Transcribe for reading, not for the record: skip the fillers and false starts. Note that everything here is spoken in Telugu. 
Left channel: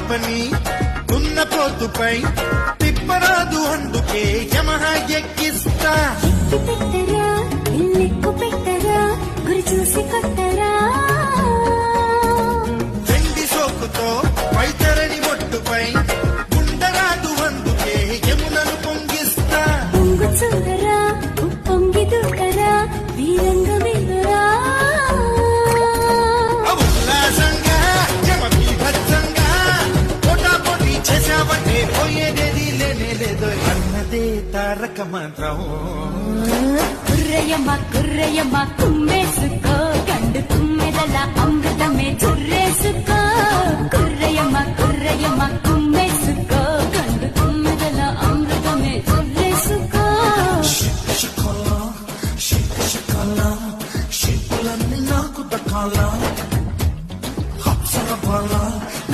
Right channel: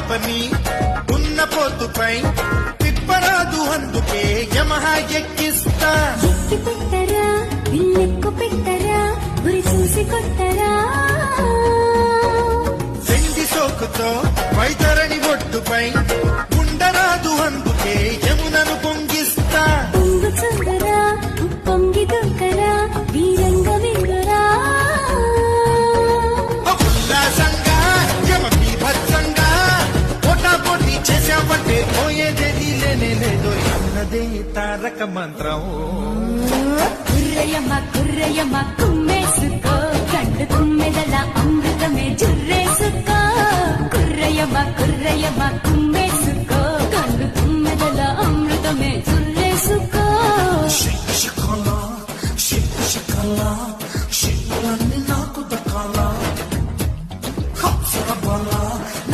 పాపని ఉన్న పోతుపై తిప్పరాదు అందుకే యమహ ఎక్కిస్తా శక్తి సోకుతో వైద్యురని ఒట్టుపై ఉండరాదు అందుకే యముదను పొంగిస్తా ఉల్లాసంగా యమకి భద్రంగా పొటాపొటి చేశావంటే పోయేదేది లేనేదో అన్నదే తారక మంత్రం కుర్రయమ్మ కుర్రయమ్మ